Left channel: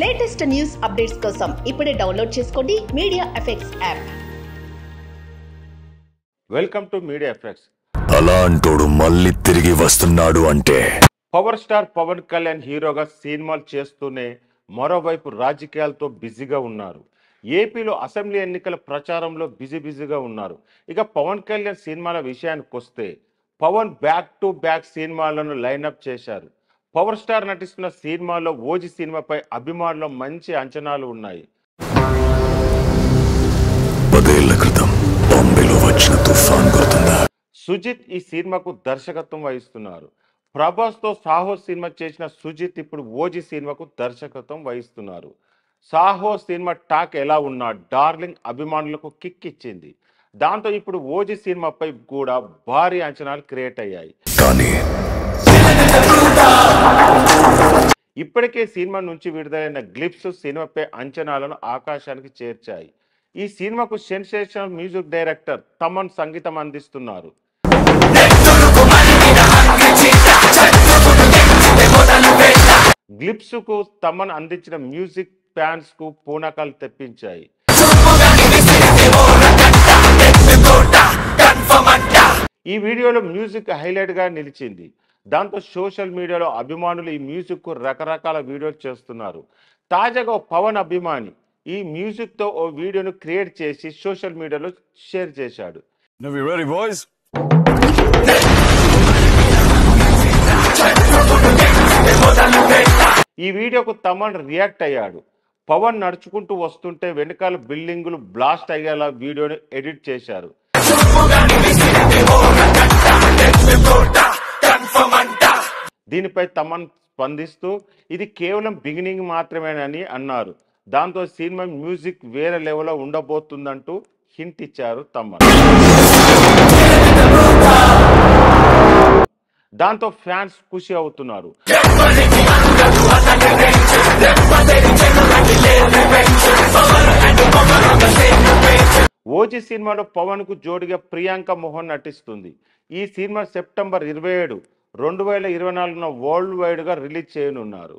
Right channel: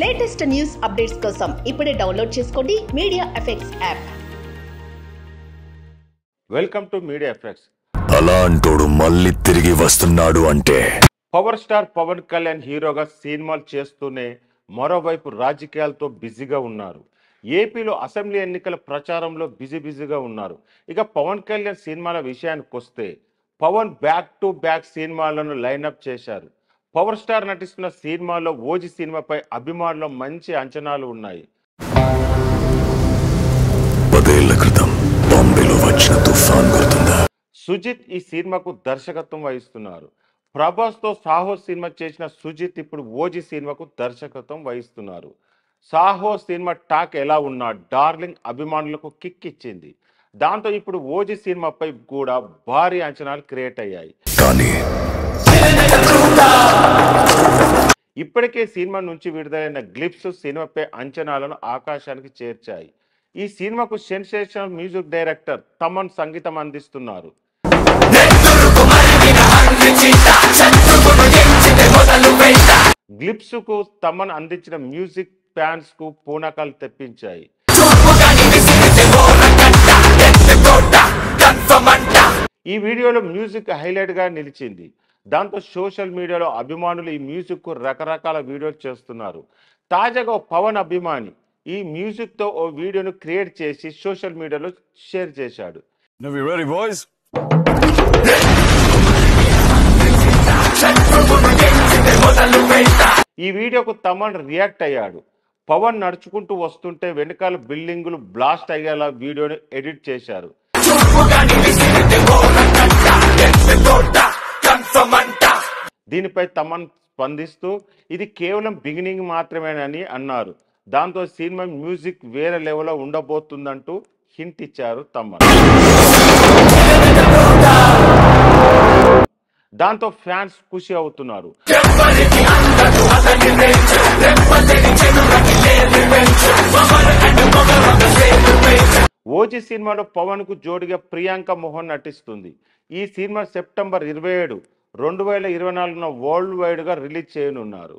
Latest news updates కోసం ఇప్పుడే download చేసుకోండి Media Effects app. Welcome to Media Effects. అలాంటోడు మళ్ళీ తిరిగి వస్తున్నాడు అంటే పవర్ స్టార్ పవన్ కళ్యాణ్ హీరోగా సినిమాలు చేస్తూనే మరోవైపు రాజకీయాలతో బిజీగా ఉన్నారు. ఏపీలో అసెంబ్లీ ఎన్నికల ప్రచారంలో బిజీగా ఉన్నారు. ఇక పవన్ కళ్యాణ్ సినిమాల విషయానికి వస్తే పవన్ బ్యాక్ టు బ్యాక్ సినిమాలను లైనప్ చేశారు. పవర్ స్టార్ నటిస్తున్న సినిమాలో ఓజీ సినిమాపై అభిమానులు మంచి అంచనాలు ఉన్నాయి. 10 ఏళ్ల క్రితం బాంబేలో వచ్చిన తుఫాన్ గుర్తుందా? సుజిత్ ఈ సినిమాకు దర్శకత్వం వహిస్తున్నారు. ప్రభాస్తో సాహో సినిమా చేసిన సుజిత్ ఇప్పుడు ఓజీ సినిమాకు దర్శకత్వం వహిస్తున్నారు. సాహో సినిమా టాక్ ఎలా ఉన్నా డార్లింగ్ అభిమానులకు కిక్ ఇచ్చింది. దాంతో ఇప్పుడు ఓజీ సినిమాపై కూడా భారీ అంచనాలు క్రియేట్ అయ్యాయి. కానీ ఇప్పటికే సినిమా నుంచి విడుదలైన గ్లిప్స్ సినిమాపై అంచనాలను ఆకాశానికి చేర్చాయి. ఈ సినిమాకు సెన్సేషనల్ మ్యూజిక్ డైరెక్టర్ తమన్ సంగీతం అందిస్తున్నారు. గ్లిప్స్ కు తమన్ అందించిన మ్యూజిక్ ఫ్యాన్స్ కు పూనకాలు తెప్పించాయి. ఈ వీడియోలో మ్యూజిక్ హైలైట్ గా నిలిచింది. దాంతో సోషల్ మీడియాలో అభిమానులు ఈ మ్యూజిక్ కు రకరకాల వీడియోలు చేస్తున్నారు. తాజాగా పవన్ అభిమాని ఈ మ్యూజిక్ తో ఓ వీడియోను క్రియేట్ చేసి సోషల్ మీడియాలో షేర్ చేశాడు. ఈ వీడియోకు తమన్ రియాక్ట్ అయ్యాడు. పవన్ నడుచుకుంటూ వస్తుంటే వెనకాల బిల్డింగులు బ్లాస్ట్ అయ్యేలా వీడియోని ఎడిట్ చేశారు. దీనిపై తమన్ స్పందిస్తూ ఇది కేవలం బిగినింగ్ మాత్రమేనని అన్నారు. దాంతో సినిమా మ్యూజిక్ వేరే లెవెల్లో ఉండబోతుందంటూ హింట్ ఇచ్చారు తమన్. దాంతో ఫ్యాన్స్ ఖుషి అవుతున్నారు. ఓజీ సినిమాలో పవన్ కు జోడిగా ప్రియాంక మోహన్ నటిస్తుంది. ఈ సినిమా సెప్టెంబర్ 27, 2024 వరల్డ్ వైడ్ గా రిలీజ్ చేయనున్నారు.